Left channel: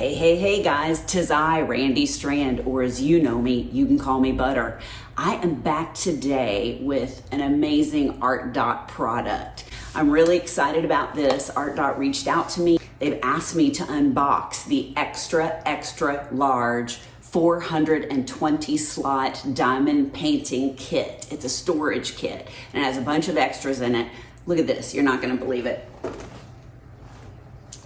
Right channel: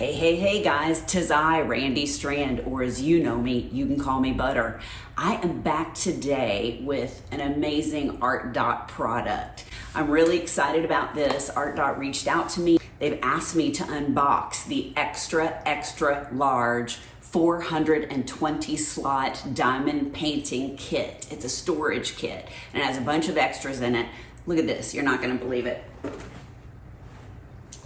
Hey guys, 'tis I, Randy Strand, or as you know me, you can call me Butter. I am back today with an amazing Artdot product. I'm really excited about this. Artdot reached out to me. They've asked me to unbox the extra large 420 slot diamond painting kit. It's a storage kit and it has a bunch of extras in it. Look at this, you're not gonna believe it.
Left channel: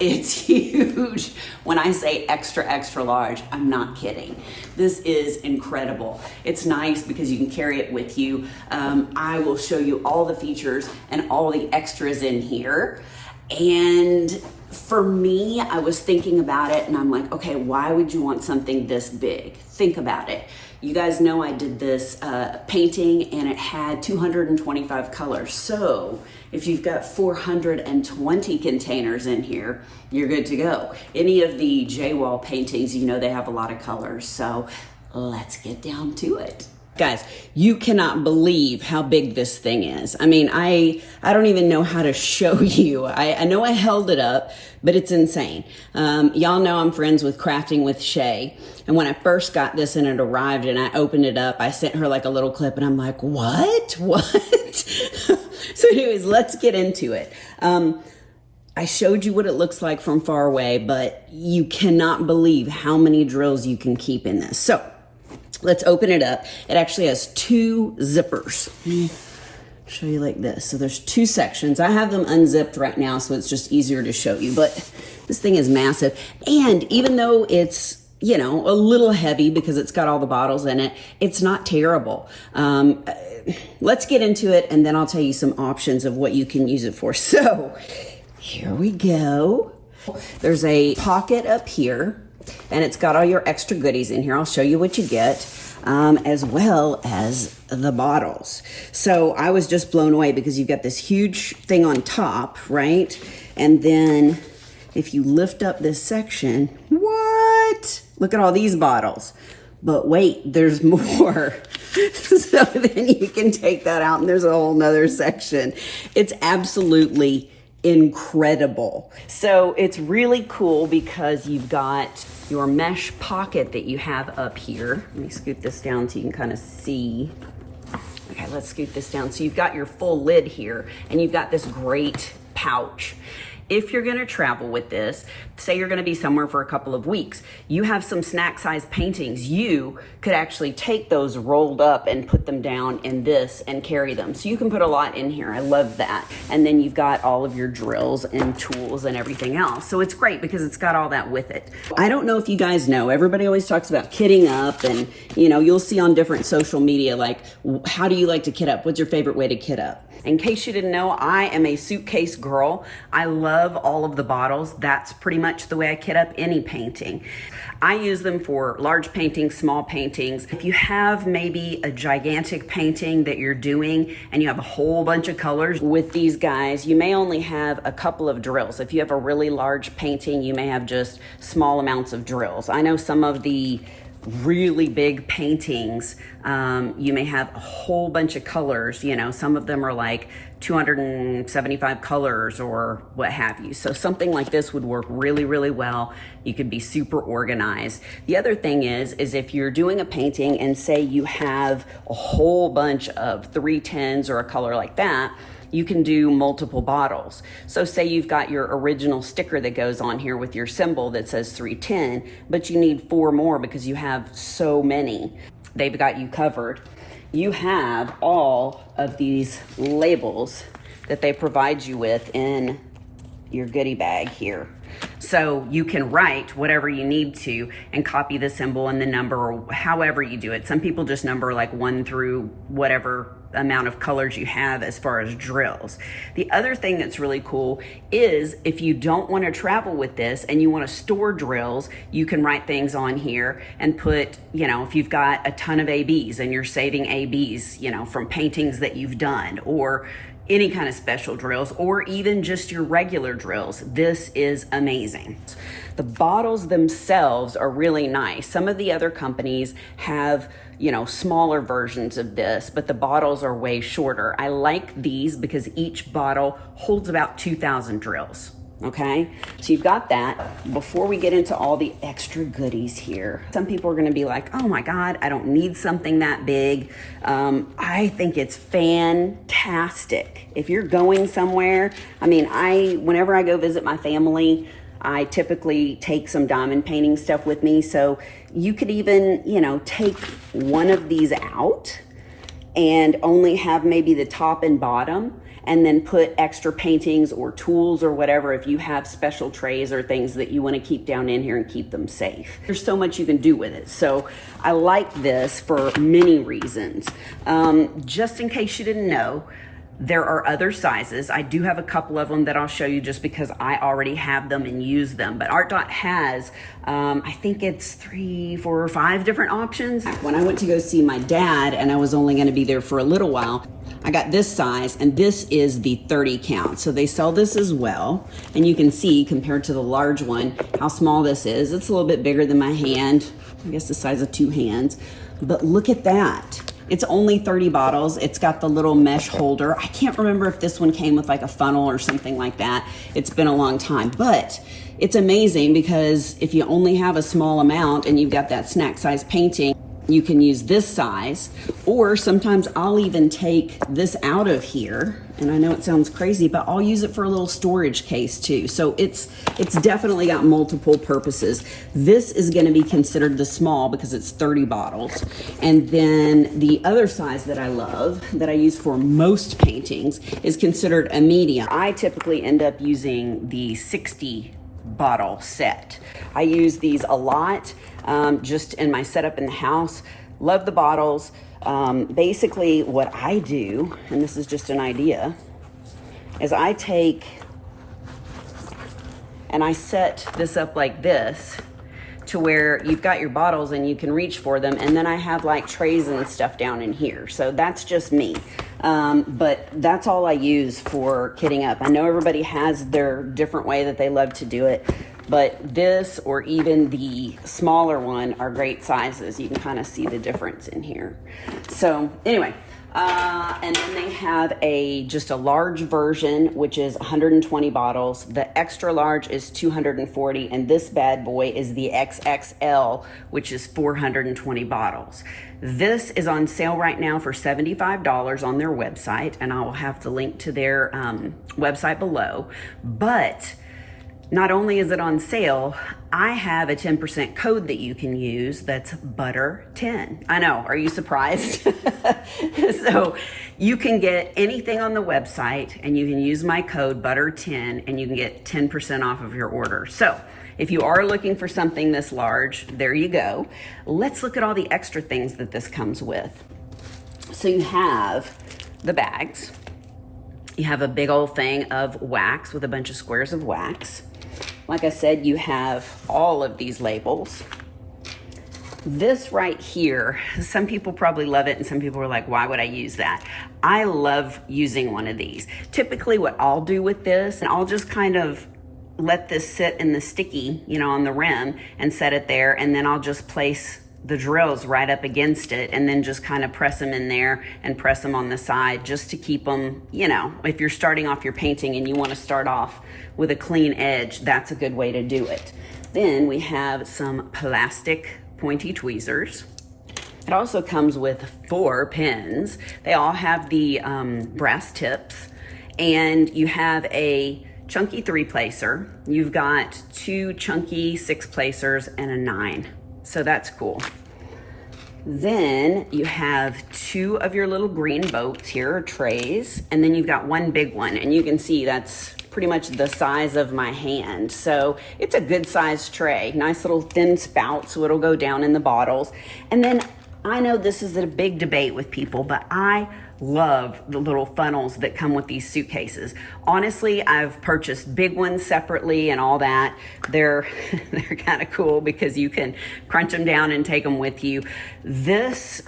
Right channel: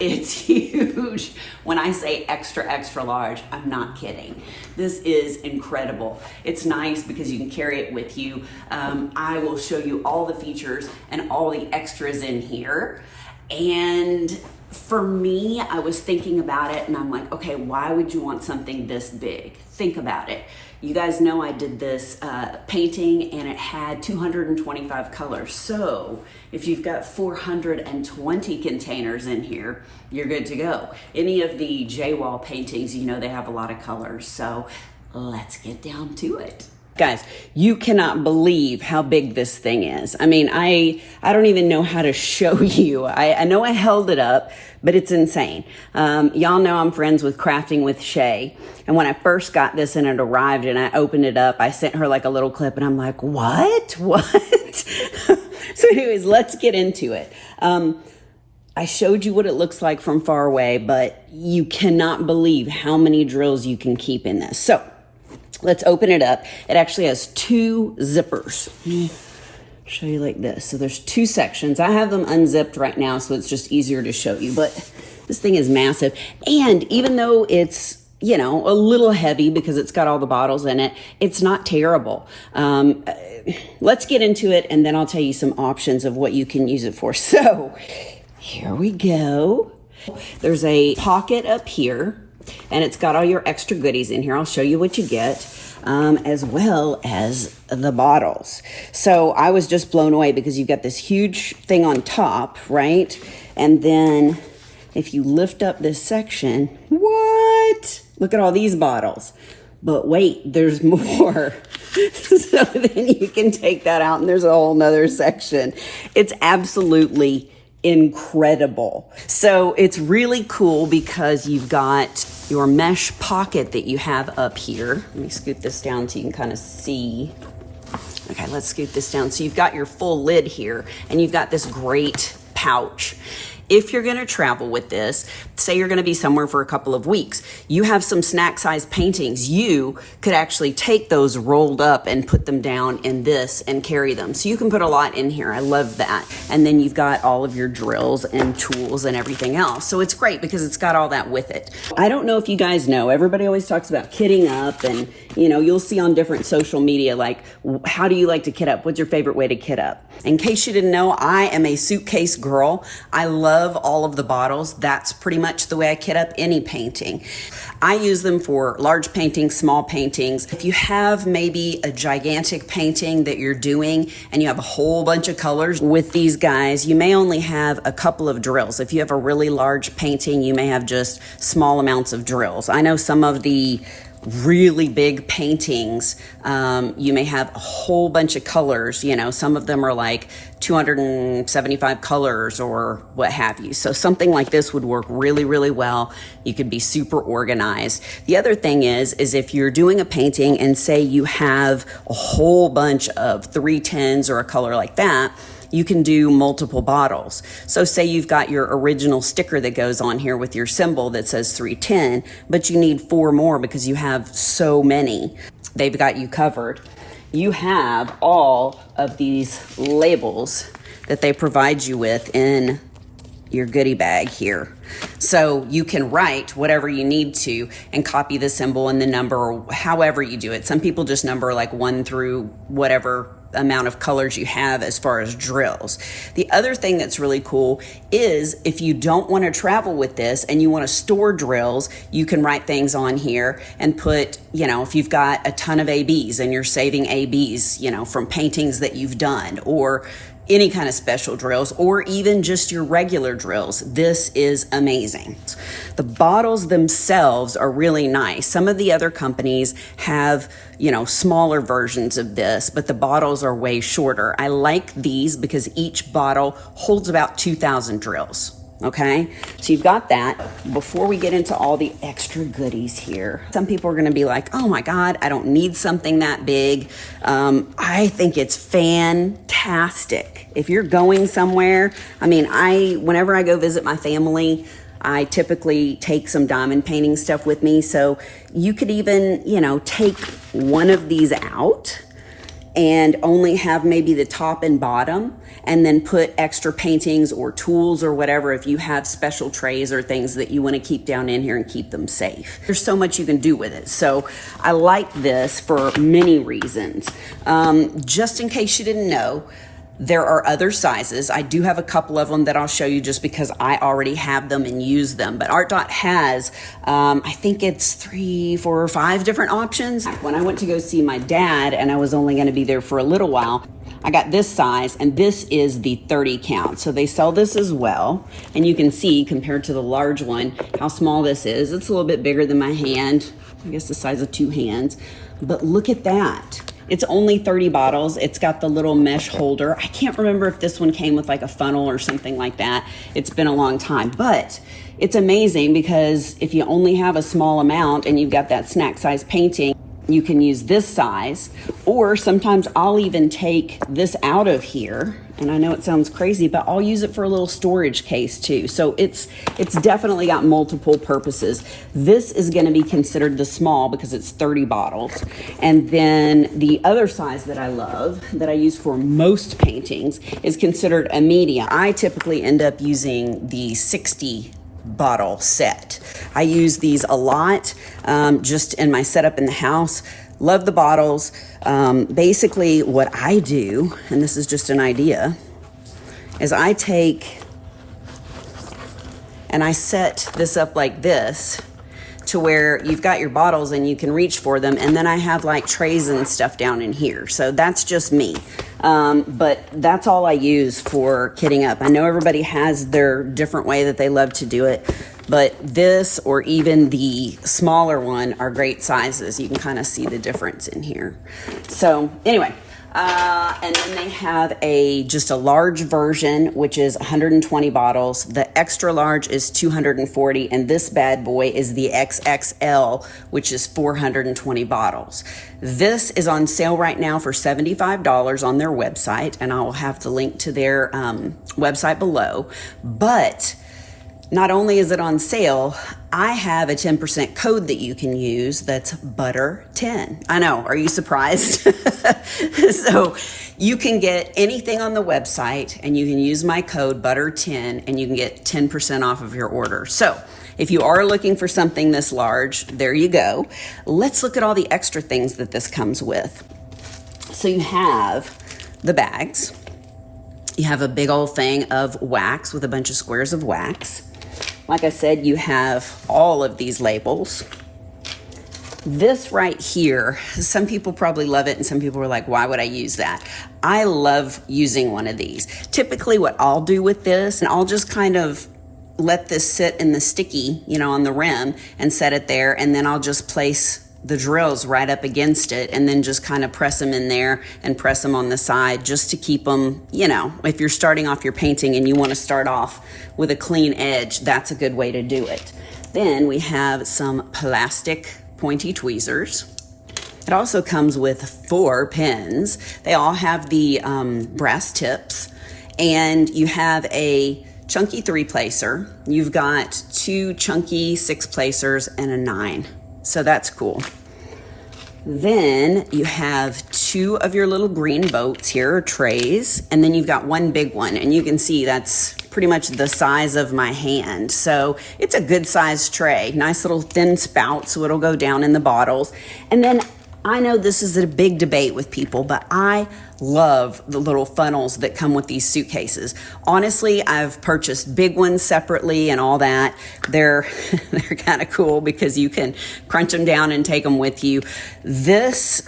It's huge. When I say extra large, I'm not kidding. This is incredible. It's nice because you can carry it with you. I will show you all the features and all the extras in here. And for me, I was thinking about it and I'm like, okay, why would you want something this big? Think about it. You guys know I did this painting and it had 225 colors. So if you've got 420 containers in here, you're good to go. Any of the J-wall paintings, you know they have a lot of colors. So let's get down to it. Guys, you cannot believe how big this thing is. I mean, I don't even know how to show you. I know I held it up, but it's insane. Y'all know I'm friends with Crafting with Shay. And when I first got this and it arrived and I opened it up, I sent her like a little clip and I'm like, what? So anyways, let's get into it. I showed you what it looks like from far away, but you cannot believe how many drills you can keep in this. So let's open it up. It actually has two zippers. Let me show you like this. So there's two sections. I have them unzipped right now, so it's just easier to show you, but this thing is massive. And even though it's, you know, a little heavy because it's got all the bottles in it, it's not terrible. Let's get into it and then I'll tell you some options of what you can use it for. So here we go. There's a pocket up here and it's got all your extra goodies in here. I'll show you what you get, as well as the bottles. So I was just blown away because you've got this huge thing on top, right? And then if you lift up this section, what? Look at all these bottles. But wait, there's more. So then you can take that out and there's a whole nother section. It's absolutely incredible. So it's really cool because you've got your mesh pocket that you have up here. Let me scoot this down so you can kind of see. Okay, let's scoot this down. So you've got your full lid here and you've got this great pouch. If you're gonna travel with this, say you're gonna be somewhere for a couple of weeks, you have some snack size paintings, you could actually take those rolled up and put them down in this and carry them. So you can put a lot in here, I love that. And then you've got all of your drills and tools and everything else. So it's great because it's got all that with it. I don't know if you guys know, everybody always talks about kitting up and you know, you'll see on different social media, like, how do you like to kit up? What's your favorite way to kit up? In case you didn't know, I am a suitcase girl. I love all of the bottles. That's pretty much the way I kit up any painting. I use them for large paintings, small paintings. If you have maybe a gigantic painting that you're doing and you have a whole bunch of colors with these guys, you may only have a couple of drills. If you have a really large painting, you may have just small amounts of drills. I know some of the really big paintings, you may have a whole bunch of colors, you know, some of them are like 275 colors or what have you. So something like this would work really well. You could be super organized. The other thing is if you're doing a painting and say you have a whole bunch of 310s or a color like that, you can do multiple bottles. So say you've got your original sticker that goes on here with your symbol that says 310, but you need 4 more because you have so many. They've got you covered. You have all of these labels that they provide you with in your goodie bag here. So you can write whatever you need to and copy the symbol and the number or however you do it. Some people just number like 1 through whatever amount of colors you have as far as drills. The other thing that's really cool is if you don't want to travel with this and you want to store drills, you can write things on here and put, you know, if you've got a ton of ABs and you're saving ABs, you know, from paintings that you've done or any kind of special drills or even just your regular drills. This is amazing. The bottles themselves are really nice. Some of the other companies have, you know, smaller versions of this, but the bottles are way shorter. I like these because each bottle holds about 2,000 drills. Okay, so you've got that. Before we get into all the extra goodies here, some people are gonna be like, oh my God, I don't need something that big. I think it's fantastic. If you're going somewhere, I mean, whenever I go visit my family, I typically take some diamond painting stuff with me. So you could even, you know, take one of these out and only have maybe the top and bottom, and then put extra paintings or tools or whatever if you have special trays or things that you want to keep down in here and keep them safe. There's so much you can do with it. So I like this for many reasons. Just in case you didn't know, there are other sizes. I do have a couple of them that I'll show you just because I already have them and use them. But Artdot has, I think it's 3, 4, or 5 different options. When I went to go see my dad and I was only gonna be there for a little while, I got this size, and this is the 30 count. So they sell this as well. And you can see, compared to the large one, how small this is. It's a little bit bigger than my hand, I guess the size of 2 hands. But look at that. It's only 30 bottles. It's got the little mesh holder. I can't remember if this one came with like a funnel or something like that. It's been a long time, but it's amazing because if you only have a small amount and you've got that snack size painting, you can use this size, or sometimes I'll even take this out of here. And I know it sounds crazy, but I'll use it for a little storage case too. So it's definitely got multiple purposes. This is gonna be considered the small because it's 30 bottles. And then the other size that I love, that I use for most paintings, is considered a medium. I typically end up using the 60 bottle set. I use these a lot, just in my setup in the house. Love the bottles. Basically what I do, and this is just an idea, is I take and I set this up like this to where you've got your bottles and you can reach for them, and then I have like trays and stuff down in here. So that's just me. But that's all I use for kitting up. I know everybody has their different way that they love to do it, but this or even the smaller one are great sizes. You can kind of see the difference in here. So anyway, and then they have just a large version, which is 120 bottles. The extra large is 240, and this bad boy is the XXL, which is 420 bottles. This is on sale right now for $75 on their website, and I will have the link to their website below. But not only is it on sale, I have a 10% code that you can use that's butter10. I know, are you surprised? So you can get anything on the website and you can use my code butter10 and you can get 10% off of your order. So if you are looking for something this large, there you go. Let's look at all the extra things that this comes with. So you have the bags. You have a big old thing of wax with a bunch of squares of wax. Like I said, you have all of these labels. This right here, some people probably love it and some people are like, why would I use that? I love using one of these. Typically what I'll do with this, and I'll just kind of let this sit in the sticky, you know, on the rim and set it there, and then I'll just place the drills right up against it and then just kind of press them in there and press them on the side just to keep them, you know, if you're starting off your painting and you want to start off with a clean edge, that's a good way to do it. Then we have some plastic pointy tweezers. It also comes with 4 pins. They all have the brass tips, and you have a chunky 3-placer. You've got 2 chunky 6-placers and a 9. So that's cool. Then you have 2 of your little green boats here, or trays, and then you've got 1 big one, and you can see that's pretty much the size of my hand. So it's a good sized tray. Nice little thin spout, so it'll go down in the bottles. And then I know this is a big debate with people, but I love the little funnels that come with these suitcases. Honestly, I've purchased big ones separately and all that. They're kind of cool because you can crunch them down and take them with you. This,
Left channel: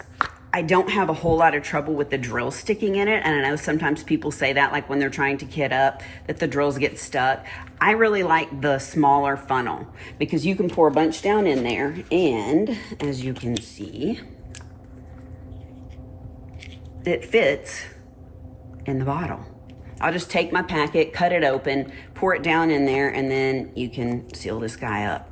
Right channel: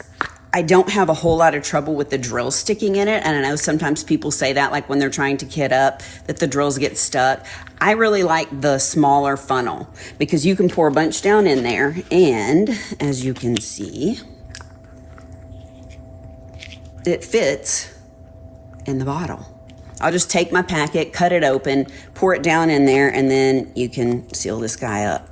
I don't have a whole lot of trouble with the drills sticking in it. And I know sometimes people say that, like when they're trying to kit up, that the drills get stuck. I really like the smaller funnel because you can pour a bunch down in there. And as you can see, it fits in the bottle. I'll just take my packet, cut it open, pour it down in there, and then you can seal this guy up.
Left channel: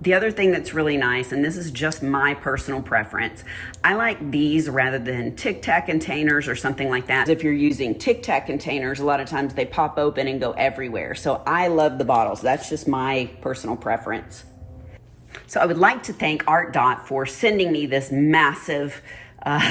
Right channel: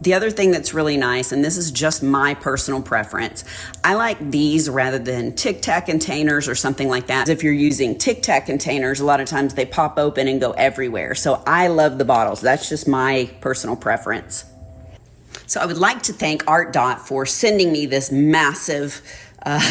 The other thing that's really nice, and this is just my personal preference, I like these rather than Tic Tac containers or something like that. If you're using Tic Tac containers, a lot of times they pop open and go everywhere. So I love the bottles. That's just my personal preference. So I would like to thank Artdot for sending me this massive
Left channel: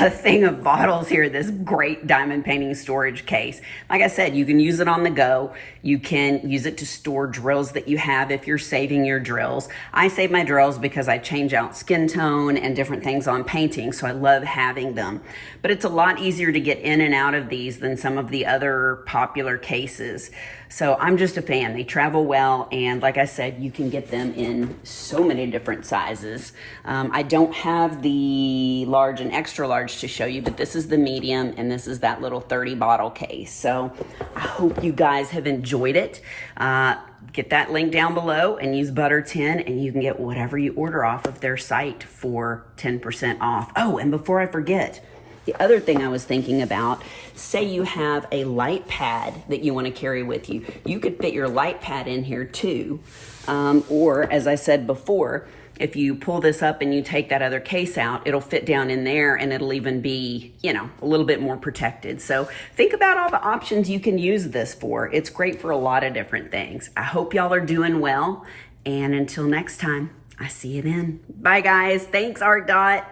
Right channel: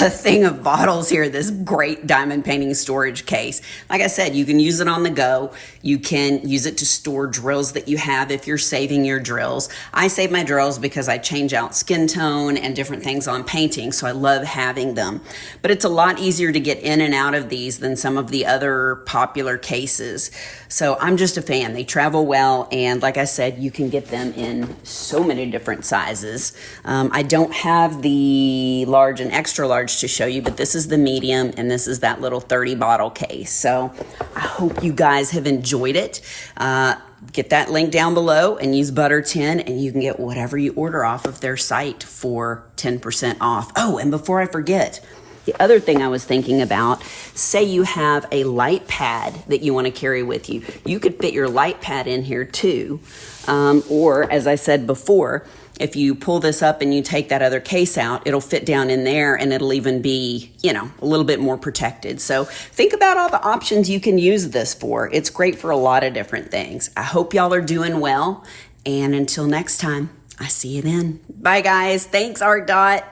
thing of bottles here, this great diamond painting storage case. Like I said, you can use it on the go. You can use it to store drills that you have if you're saving your drills. I save my drills because I change out skin tone and different things on painting, so I love having them. But it's a lot easier to get in and out of these than some of the other popular cases. So I'm just a fan. They travel well, and like I said, you can get them in so many different sizes. I don't have the large and extra large to show you, but this is the medium, and this is that little 30 bottle case. So I hope you guys have enjoyed it. Get that link down below and use Butter10, and you can get whatever you order off of their site for 10% off. Oh, and before I forget, the other thing I was thinking about, say you have a light pad that you want to carry with you. You could fit your light pad in here too. Or as I said before, if you pull this up and you take that other case out, it'll fit down in there, and it'll even be, you know, a little bit more protected. So think about all the options you can use this for. It's great for a lot of different things. I hope y'all are doing well. And until next time, I see you then. Bye guys. Thanks, Artdot.